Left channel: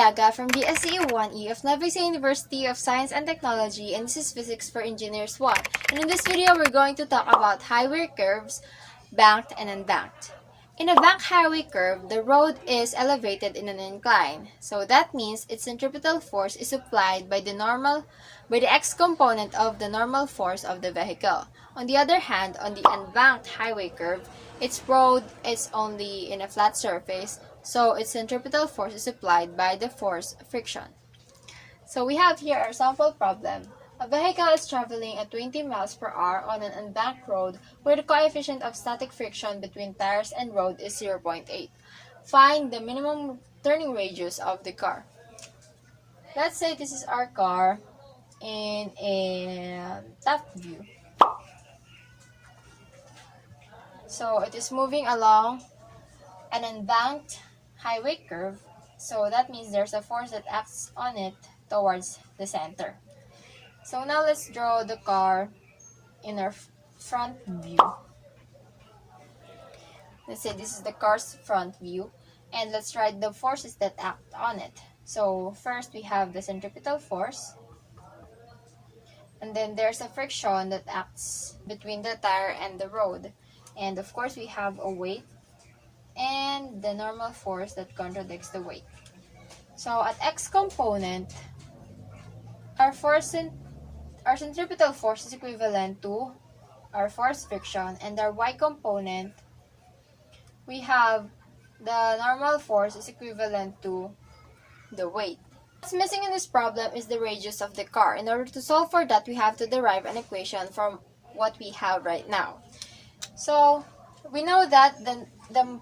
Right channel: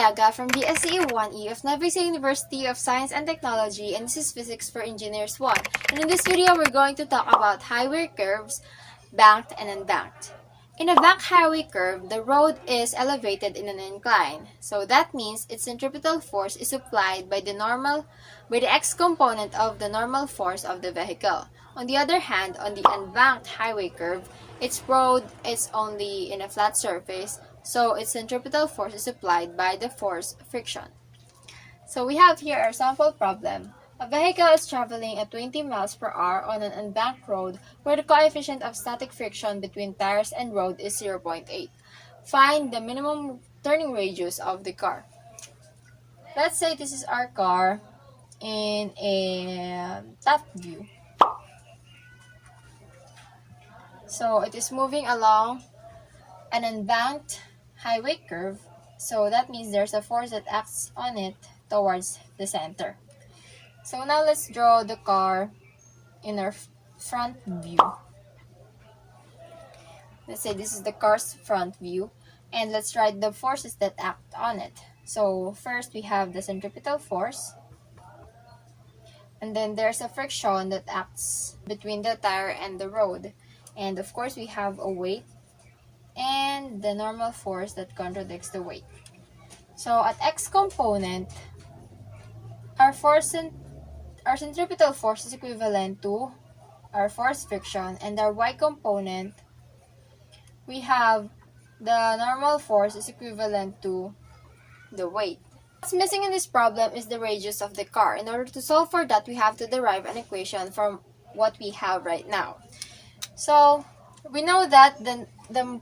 Pajarillaga from BSCE 1E of Nueva University of Science and Technology, and this is Physics for Engineers 1. And in this video, we're going to talk about highway curves, banked and unbanked. In a banked highway curve, the road is elevated in an incline. So that means its centripetal force is applied by the x component of the normal force of the vehicle. On the other hand, on the unbanked highway curve, its road is only in a flat surface, so its centripetal force is applied by the force friction. So we have here our sample problem. A vehicle is traveling at 20 miles per hour on an unbanked road where the coefficient of static friction between tires and road is 0.8. Find the minimum turning radius of the car. Let's say this is our car in a top view. So it is moving along an unbanked highway curve, so that means there's a force that acts on it towards the center. So now let's draw the car in our front view. Let's say this is the car's front view, and let's write the forces that act on it. So first we have the centripetal force, and then there's a friction that acts between the tire and the road, and of course we have a weight and the normal force that contradicts the weight. So at x component, our centripetal force is equivalent to our force friction, and our y component, we have the normal force is equivalent to the weight. What's missing in this problem is the radius of the car. In order to solve for that, we have to derive an equation from what we have right now. So we know that the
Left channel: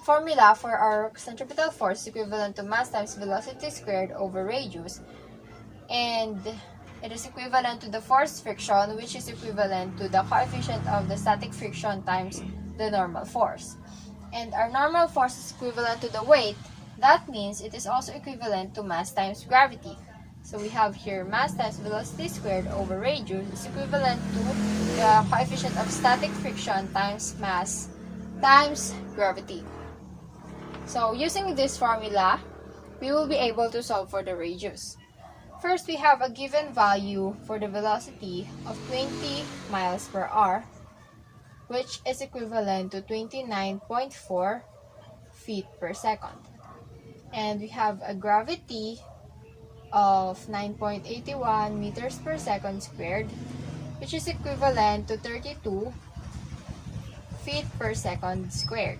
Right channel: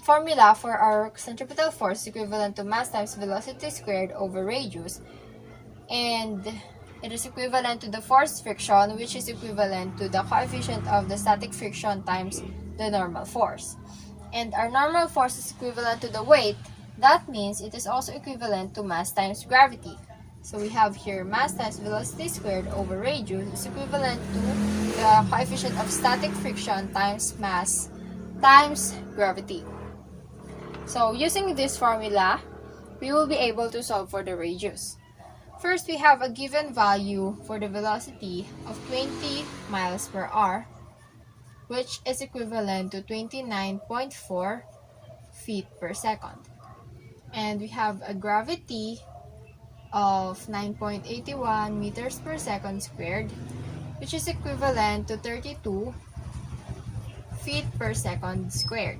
formula for our centripetal force is equivalent to mass times velocity squared over radius, and it is equivalent to the force friction, which is equivalent to the coefficient of the static friction times the normal force. And our normal force is equivalent to the weight. That means it is also equivalent to mass times gravity. So we have here mass times velocity squared over radius is equivalent to the coefficient of static friction times mass times gravity. So using this formula, we will be able to solve for the radius. First, we have a given value for the velocity of 20 miles per hour, which is equivalent to 29.4 feet per second. And we have a gravity of 9.81 meters per second squared, which is equivalent to 32 feet per second squared.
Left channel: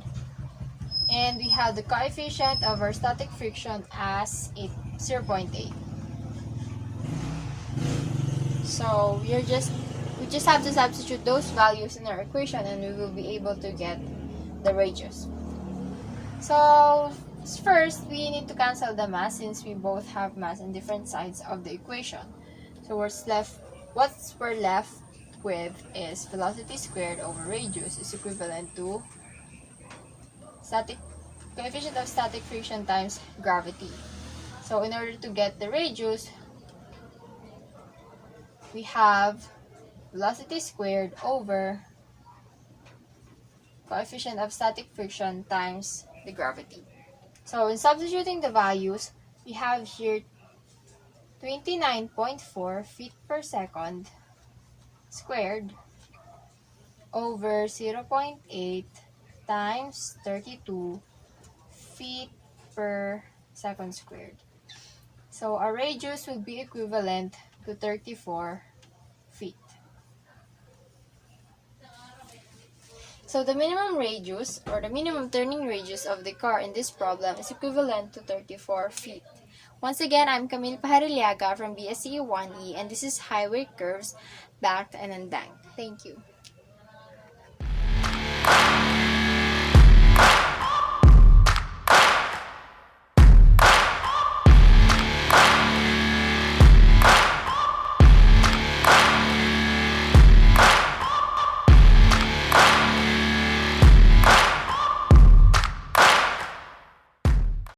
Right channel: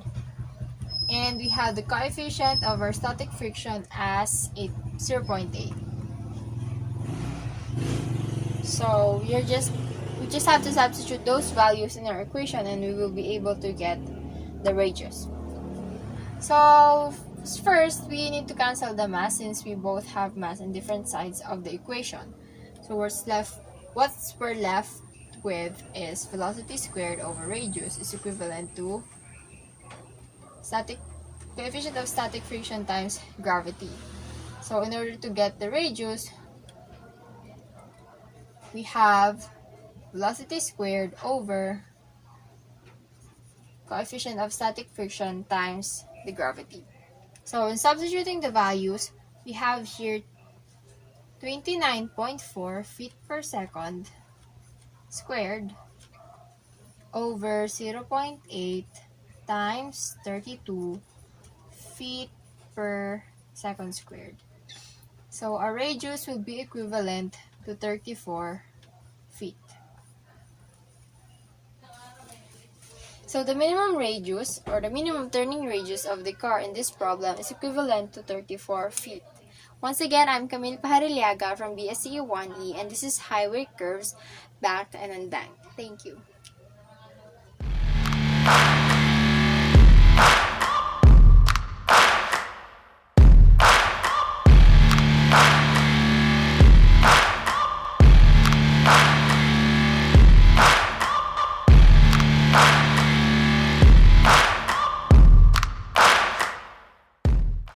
And we have the coefficient of our static friction as 0.8. So we just have to substitute those values in our equation, and we will be able to get the radius. So first, we need to cancel the mass since we both have mass in different sides of the equation. So what we're left with is velocity squared over radius is equivalent to coefficient of static friction times gravity. So in order to get the radius, we have velocity squared over coefficient of static friction times the gravity. So in substituting the values, we have here 29.4 feet per second squared over 0.8 times 32 feet per second squared. So our radius will be equivalent to 34 feet. So the minimum radius, or the minimum turning radius of the car in this problem is equivalent to 34 feet. Once again, I'm Camille Pajarillaga from BSCE 1E, and this is Highway Curves, Banked and Unbanked. Thank you.